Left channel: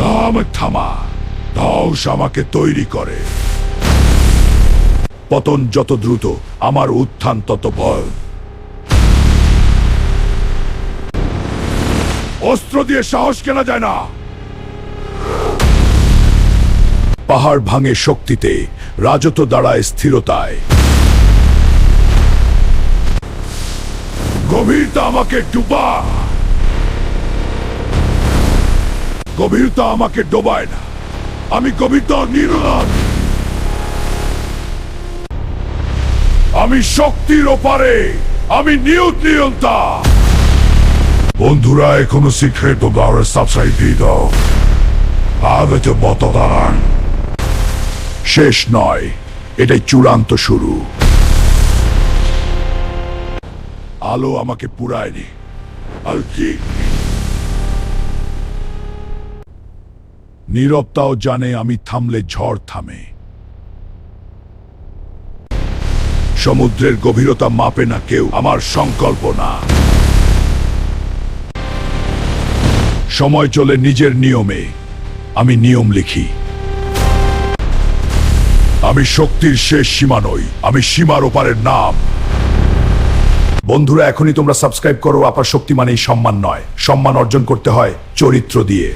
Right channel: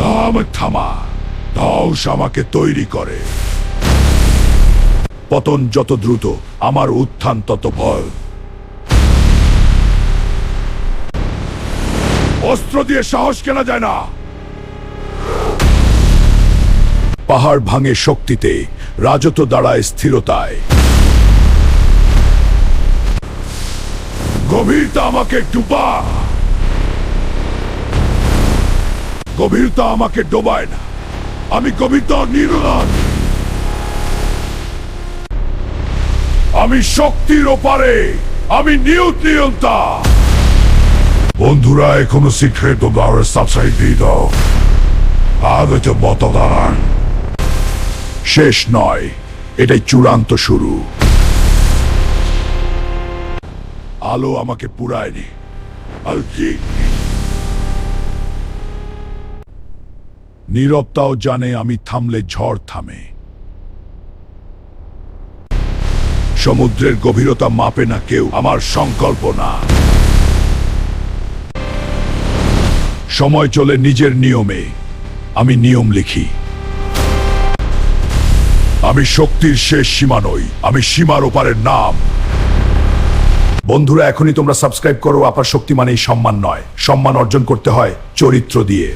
দাম থামা, ধ্বংস আমাকে তৈরি করে। পতন যত দ্রুত, আমার উত্থান তত ভয়। অস্ত্র দিয়ে সাহস কেনা যায় না। পাহাড় ভাঙে শক্তিতে, রাজত্ব দাঁড়ায় স্থিরতায়। গভীরতা আমাকে গভীরতা আমাকে ডোবায় না, আমি গভীরতা নির্গত। আমি শক্তির ওপারে, আমি নিউট্রিয়তা। বন্ধুরা, এখনো সিক্রেট দ্বারের সাবস্ক্রাইব দিয়ে দাও। আগত মতদান শেষ নয়, এটাই চূড়ান্ত শুরু। আলো আমাকে পুরায়নি, আর কি নীরবতাও জানে আমি থামলে ঝড় থামে। সমুদ্রের গভীরতা মাপে না কেউ আমার সংকল্প না। সময় চলে নিজের নিয়মে, আমি নিয়ম লিখি। আমি শক্তির শেষ সীমা নই, আমি সীমার ওপারের নাম। বন্ধুরা, এখনই তোমরা সাবস্ক্রাইব করো। আপার শক্তি মানেই সম্মান নয়, সম্মান অর্জন করতে হয় চরিত্র দিয়ে।